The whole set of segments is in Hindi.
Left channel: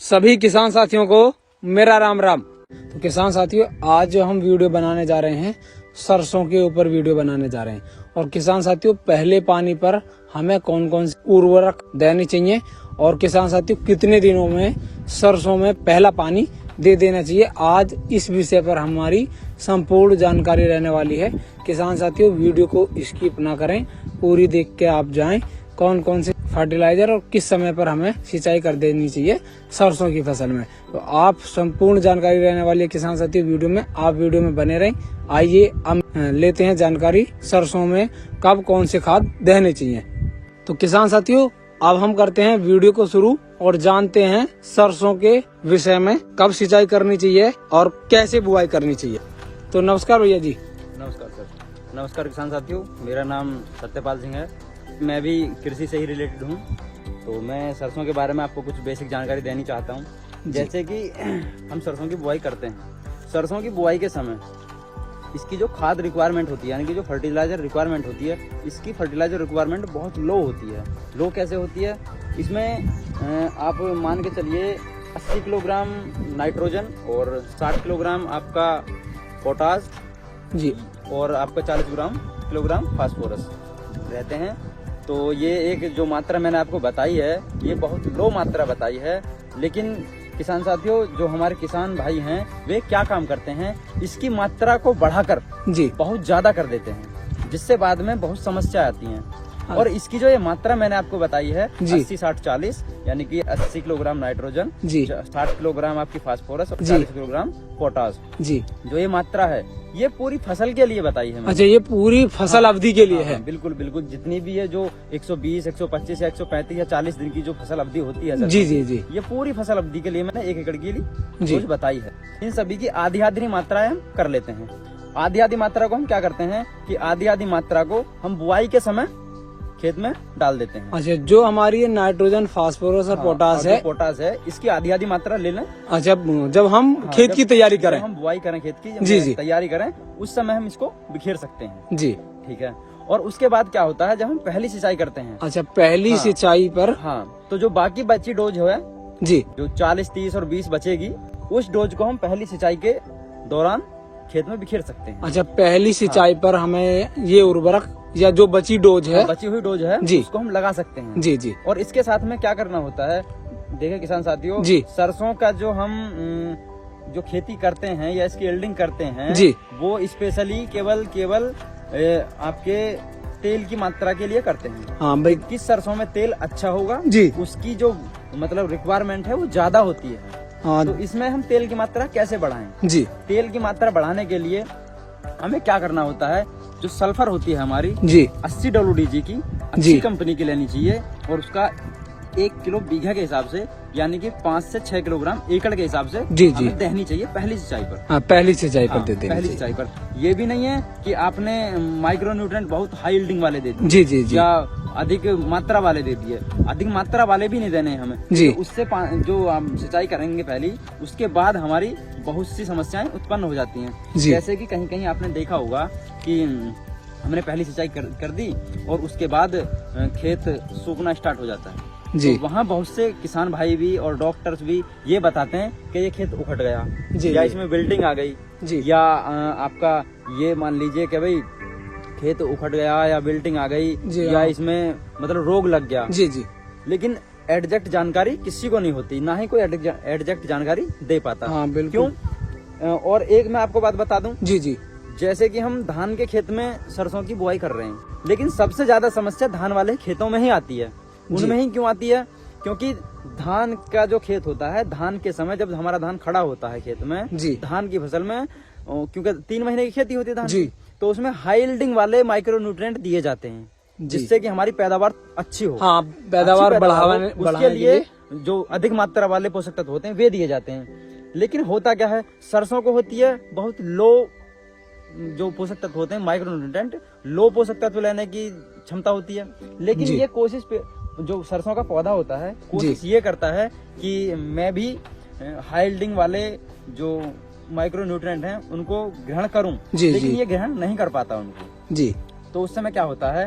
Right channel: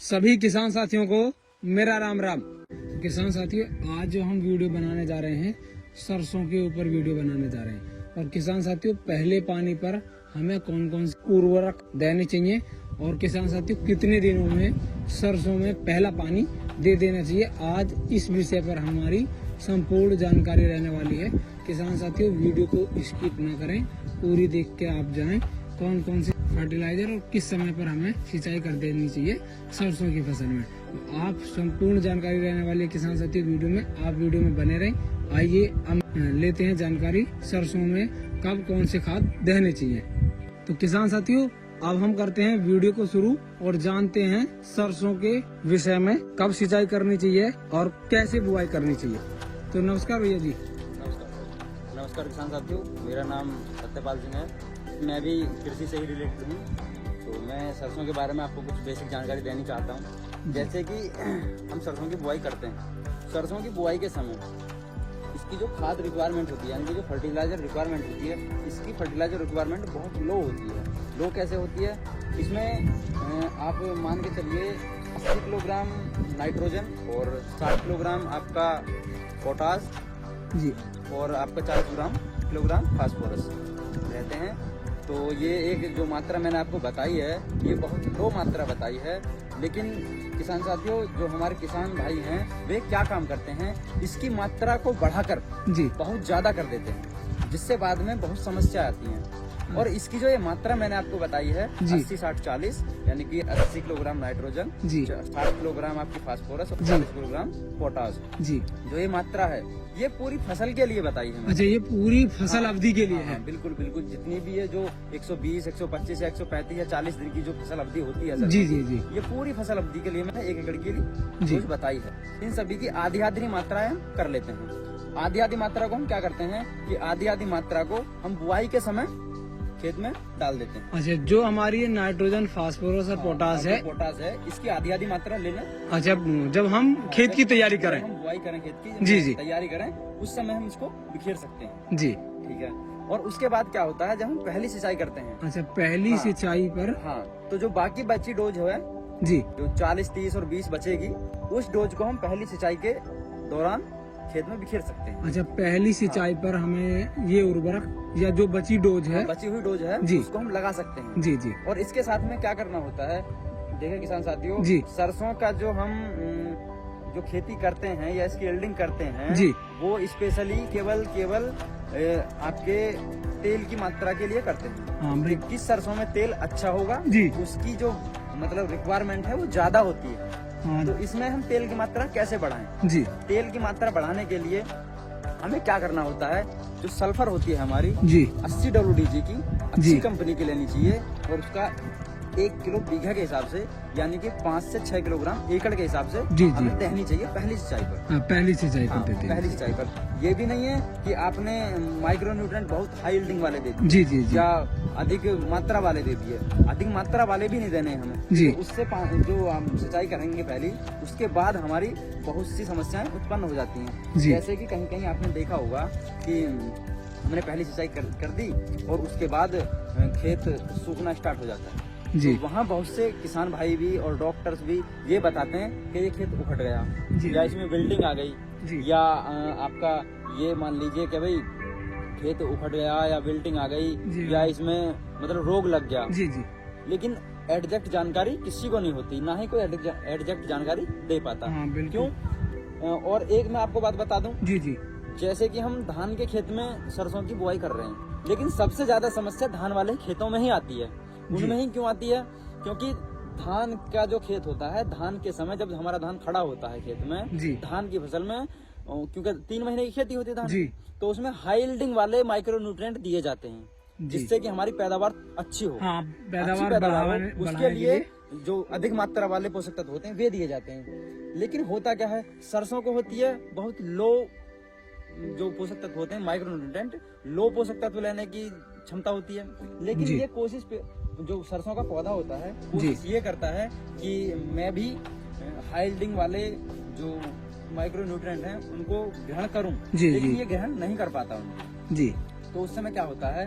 सभी किसान साथियों को मेरा राम राम। तो किसान साथियों, आज जो हम वीडियो बनाने जा रहे हैं, सरसों के ऊपर वीडियो बनाने जा रहे हैं। और किसान साथियों, पहले पानी पर हमें कौन कौन से उर्वरक देने चाहिए और किसान साथियों कितने दिनों में सरसों में पहला पानी दे देना चाहिए, आज इस विषय पर हमारी संपूर्ण जानकारी रहने वाली है। किसान साथियों, वीडियो को स्किप ना करें, पूरी देख के आप जाएं कौन कौन से फर्टिलाइजर और किस समय पर हमें सिंचाई कर देनी चाहिए सरसों की फसल में। तो आप संपूर्ण जानकारी रहने वाली है किसान साथियों वीडियो में, आप वीडियो में बने रहें। आइए हम लेते हैं जानकारी सरसों में कब कौन से खाद देने चाहिए। तो किसान साथियों, अब हम करते हैं वीडियो को शुरू और जानते हैं सरसों के विषय में कब सिंचाई करनी चाहिए और कैसे बुआई करनी चाहिए। तो नमस्कार भैया जी। नमस्कार सर। नमस्कार किसान साथियों, मेरा नाम सत्यपाल सिंह है। मैं भी कृषि से ही रिलेटेड हूँ। तो मैं सरसों के बारे में आपको कुछ बेसिक जानकारी देनी चाहता हूँ। जैसे कि हम सरसों की बुआई करते हैं, सरसों की बुआई के समय इसकी जो खाद रिक्वायरमेंट होती है, यानी कि जो फर्टिलाइजर रिक्वायरमेंट होती है, इसकी फर्टिलाइजर रिक्वायरमेंट बहुत लो होती है। लो कैसे होती है? इसमें आप मान के चलिए 80 किलोग्राम नाइट्रोजन और 60 किलोग्राम आपका पोटास जी और आपका 40 किलोग्राम फास्फोरस रहते हैं। तो ये एक जो मात्रा मैंने आपको बताई है, ये बहुत लो मात्रा बताई है। लेकिन किसान साथियों, जो हमारे किसान भाई हैं, वे क्या काम करते हैं, इसकी मात्रा को बढ़ाकर जी बहुत ज्यादा कर देते हैं, जिससे बाद में बहुत समस्या आती हैं। और इसकी जो ये मात्रा मैंने आपको बताई है 80-60-40, यानी कि 80 किलोग्राम नाइट्रोजन, 60 किलोग्राम आपकी फास्फोरस और 40 किलोग्राम पोटास जी, जो ये मात्रा है, ये पूरी फसल के लिए बताई है। अच्छा, ये पूरी फसल अवधि के लिए है? बिल्कुल बिल्कुल, जितनी भी है जो 120, 125 या 135 या 40 दिन की जो फसल अवधि होती है जी जी जी, ये पूरी फसल अवधि के लिए मैंने 1 एकड़ के लिए डोज बताई है। इन सभी की आधी आधी मात्राएं हम कर लेते हैं। आधी आधी मात्रा को हम क्या करते हैं कि आधी आधी मात्रा को हम बुआई के समय खेत में डाल देते हैं। अच्छा, जो हमारी ये नाइट्रोजन, फास्फोरस और पोटास है, इसकी आधी आधी मात्रा ले लें। अच्छा, जब हम खेत की तैयारी करें, हम बुआई करें खेत की, जी तैयारी करें, उस समय हम इसको बिखेर सकते हैं जी, ठीक है। और उसके बाद क्या होता है, जब हम पहली सिंचाई करते हैं। अच्छा, पहली सिंचाई पर तो जो बाकी बची डोज है जी, जो 40, 30 और 20 बचेगी, उस डोज को हम पहली सिंचाई के दौरान खेत में बिखेर सकते हैं। अच्छा, पहली सिंचाई पर हमें ये उर्वरक या जो बची डोज है, बची हुई डोज है जी, उसको हम लगा सकते हैं जी जी। और इसके साथ में क्या करना होता है, देखिए किसान साथियों जी, सरसों का जो हम जो खेती करते हैं या इसकी एल्डिंग करते हैं जी, वो स्पेशली केवल आपके तेल की मात्रा के लिए करते हैं। हाँ भाई, किस सरसों में तेल अच्छा होगा जी, उसकी जो मतलब रिक्वायरमेंट है वो ज्यादा होती है। हाँ, तो इसमें हम तेल की मात्रा कैसे बढ़ाएं? जी, तेल की मात्रा बढ़ाने के लिए हमें क्या करना होता है, जो सल्फर होती है हमारी जी, 80 WDG की अच्छी कंपनी की लेनी चाहिए और उसका 1 किलो बीघा के हिसाब से, यानी कि 5 से 6 किलोग्राम एकड़ के हिसाब से जी हमें देनी चाहिए पहली सिंचाई पर। हाँ, पहली सिंचाई पर देते हैं। पहली सिंचाई पर ये भी नहीं है कि आपने माइक्रो न्यूट्रिएंट बहुत हाई यील्डिंग वाले दे दिए जी जी जी, या अधिक मात्रा वाले दे दिए। अधिक मात्रा वाले भी नहीं देने हैं हमें जी। तो उससे जो हम सिंचाई करेंगे पहली, उसके बाद हमारी बहुत सी समस्याएं उत्पन्न हो जाती हैं। जैसे कि कहीं कहीं आपने देखा होगा कि हमने पहली सिंचाई कर दी और उसके बाद खेत सूखना स्टार्ट हो जाता है जी। तो वहाँ बहुत से किसान भाई भी और डॉक्टर्स भी ये बताते हैं कि ये खेत उखड़ गया जी, या इसमें विल्टिंग आ गई जी, या आपका ये मान लीजिए कि भाई खेत उखड़ गया या विल्टिंग आ गई या इसमें मतलब रोग लग गया जी जी। लेकिन एग्जैक्ट जानकारी किसी को नहीं होती, ना ही कोई एग्जैक्ट जानकारी दे पाता। क्यों? और एक मैं आपको बात बता दूं जी जी, जैसे कि हम धान के खेत में सरसों की बुआई कर रहे हैं, लेकिन सबसे ज्यादा समस्या धान वाले खेतों में ही आती है। उनमें ही क्यों आती है? क्योंकि धान का जो खेत होता है, धान के समय जब हमारा धान खड़ा होता है खेत में जी, धान की फसल में, क्योंकि 3 महीने की खेती होती है धान की, तो उसमें हाई यील्डिंग वाले माइक्रो न्यूट्रिएंट दिए जाते हैं, जिससे कि हमारी पैदावार अच्छी हो। हाँ, पैदावार बढ़ाने उसके लिए जो अधिक मात्रा वाले पोषक तत्व होते हैं वे दिए जाते हैं। लेकिन होता क्या है, सरसों को होती है बहुत लो जो पोषक तत्व होते हैं, माइक्रो न्यूट्रिएंट, लो पोषक तत्व लेने की क्षमता होती है। लेकिन ये कोशिश पे जो सरसों का पौधा होता है, कोशिश ये करता है कि मैं भी हाई यील्डिंग वाले जो माइक्रो न्यूट्रिएंट हैं उनको ग्रहण करूं, लेकिन ये ग्रहण नहीं कर पाता उनको जी। तो उस समय क्या होता है,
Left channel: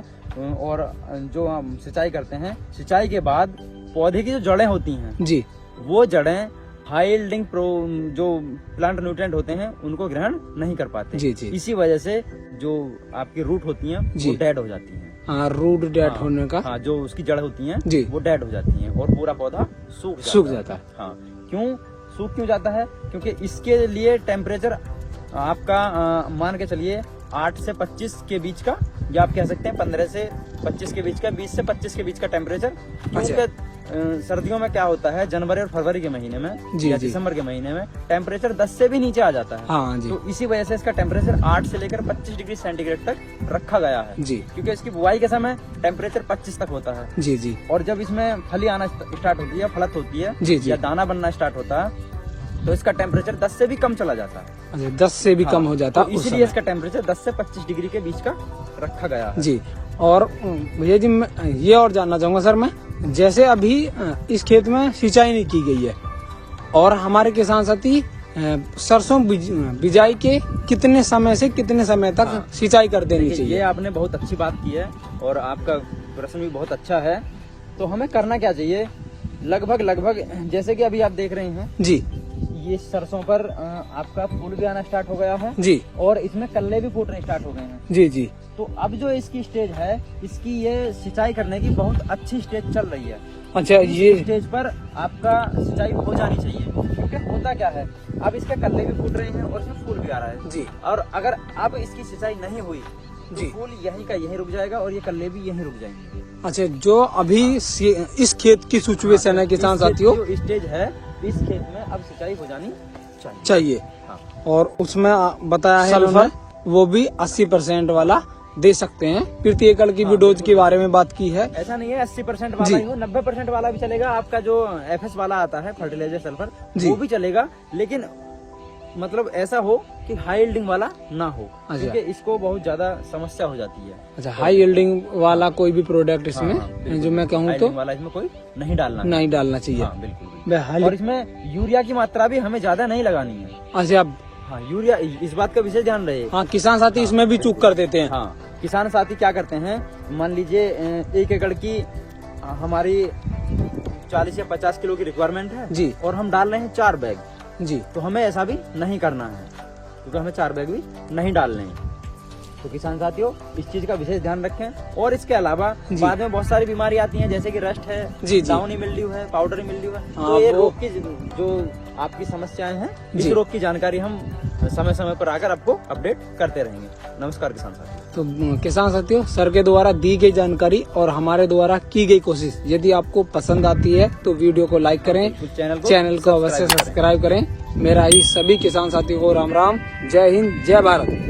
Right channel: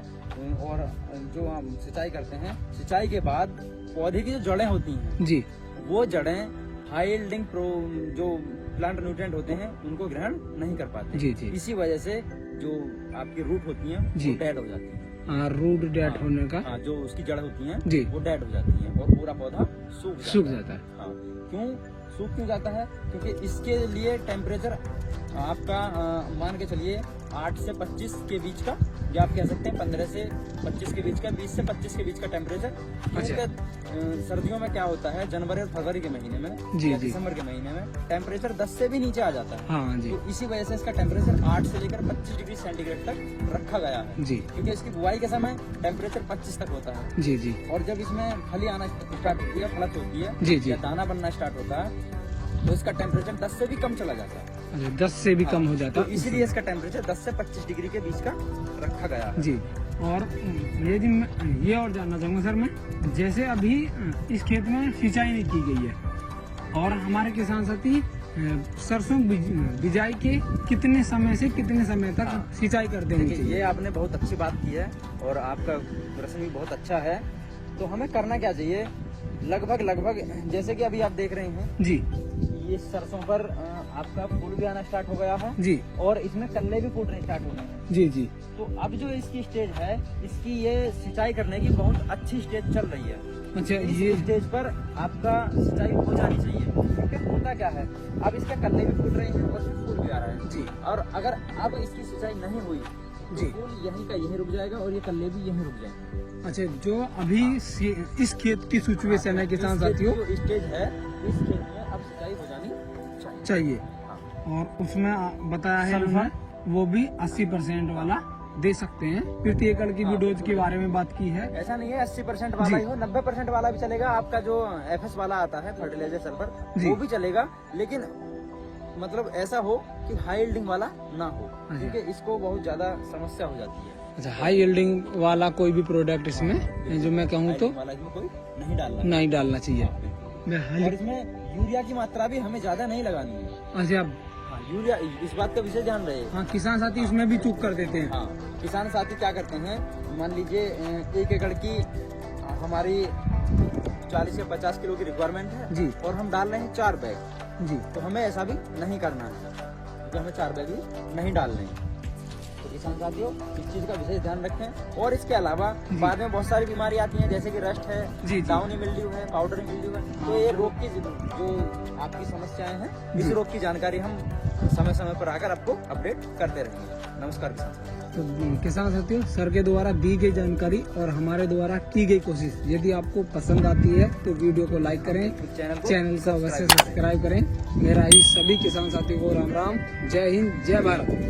और जो हम सिंचाई करते हैं, सिंचाई के बाद पौधे की जो जड़ें होती हैं जी, वो जड़ें हाई यील्डिंग जो प्लांट न्यूट्रिएंट होते हैं उनको ग्रहण नहीं कर पाते। जी जी। इसी वजह से जो आपकी रूट होती हैं वो डेड हो जाती हैं। रूट डेड होने का, हाँ, जो उसकी जड़ होती हैं जी, वो डेड हो जाती हैं और पूरा पौधा सूख जाता है। हाँ, सूख क्यों जाता है? क्योंकि इसके लिए टेम्परेचर आपका मान के चलिए 8 से 25 के बीच का, या आप कह सकते हैं 15 से 25 के बीच का, 20 से 25 के बीच का टेम्परेचर। क्योंकि सर्दियों में क्या होता है, जनवरी और फरवरी के महीने में या दिसंबर के महीने में टेम्परेचर 10 से भी नीचे आ जाता है। हाँ जी। तो इसी वजह से इसका टेम्परेचर 8 से लेकर 25 डिग्री सेंटीग्रेड तक रखा गया है जी। क्योंकि इसकी बुआई के समय टेम्परेचर 25 तक होता है। जी जी। और जब इसमें फली आना स्टार्ट होती है, फलत होती है जी जी, या दाना बनना स्टार्ट होता है, तो इसका टेम्परेचर 10 से भी कम चला जाता है। अच्छा, 10 से भी कम हो जाता है। तो इसीलिए इसका टेम्परेचर 10 से 25 डिग्री के बीच का रखा गया है। जी। और भैया जी, मैं ये और जानना चाहूंगा सर, मैं जैसे अभी इस खेत में सिंचाई नहीं की गई है और हमारे किसान साथी सरसों बिजाई के कितने समय से कितने समय तक सिंचाई कर देनी चाहिए? ये आपने बहुत अच्छी बात की है और आपका प्रश्न भी बहुत अच्छा है। तो हमें करना क्या चाहिए, लगभग जैसे कि अभी आप देख रहे हैं जी, ये सरसों पर आपका फूल भी आना स्टार्ट हो गया है जी, और इसमें कल्ले भी फूटने स्टार्ट हो गए हैं जी जी। तो अब जो इसकी स्टेज है, इसकी ये सिंचाई करने की बहुत अच्छी स्टेज चल रही है। अच्छा, ये स्टेज पर आपका सिंचाई हो जानी चाहिए क्योंकि होता क्या है, अब इसके कल्ले भी फूट रहे हैं और इसमें फूल भी आ रहा है जी। और अगर अब इसकी सिंचाई नहीं हुई तो फूल यहीं का यहीं रुक जाएगा और ये कल्ले भी यहीं रुक जाएंगे। अच्छा, जो अभी इस खेत की सिचुएशन है किसान साथियों, जो स्टेज है इस खेत में अब सिंचाई हो जानी चाहिए। हाँ। और उसमें बताया है उन्होंने वो भी 80% वाला दे सकते हैं। प्रति एकड़ की भी डोज के बारे में बात की है। ऐसा नहीं है 80% वाला ही हो, 90% वाला भी चलेगा। आपका जो FS वाला आता है फर्टिलाइजर सल्फर, वो भी चलेगा, लेकिन मतलब ऐसा हो कि हाई यील्डिंग वाला ना हो, क्योंकि इसको बहुत ज्यादा समस्या हो जाती है। अच्छा, हाई यील्डिंग वाला कोई भी प्रोडक्ट इसमें जो मैं कहूँ तो वाला इसमें कोई नहीं डालना चाहिए। बिल्कुल। और इसमें यूरिया की मात्रा भी हमें ज्यादा नहीं लगानी है। अच्छा, हाँ, यूरिया, इस बात का विशेष ध्यान रहे। हाँ, किसान साथी इसमें भी चूक कर देते हैं। हाँ, किसान साथी क्या करते हैं, मान लीजिए 1 एकड़ की हमारी 40 या 50 किलो की रिक्वायरमेंट है जी, और हम डाल रहे हैं 4 बैग जी। तो हमें ऐसा भी नहीं करना है क्योंकि हमें 4 बैग भी नहीं डालने हैं। तो किसान साथियों इस चीज का विशेष ध्यान रखें। और इसके अलावा बाद में बहुत सारी बीमारी आती हैं, जैसे कि रस्ट है, डाउनी मिल्ड्यू है, पाउडरी मिल्ड्यू है। तो ये रोग की जो आपकी समस्याएं हैं, इस रोग की जानकारी हम समय समय पर आकर आपको अपडेट करते रहेंगे। नमस्कार किसान साथियों। तो किसान साथियों, सर के द्वारा दी गई जानकारी और हमारे द्वारा की गई कोशिश यदि आपको पसंद आती है तो वीडियो को लाइक करें, चैनल को अवश्य सब्सक्राइब करें। मेरा ही सभी किसान साथियों को राम राम, जय हिंद, जय भारत।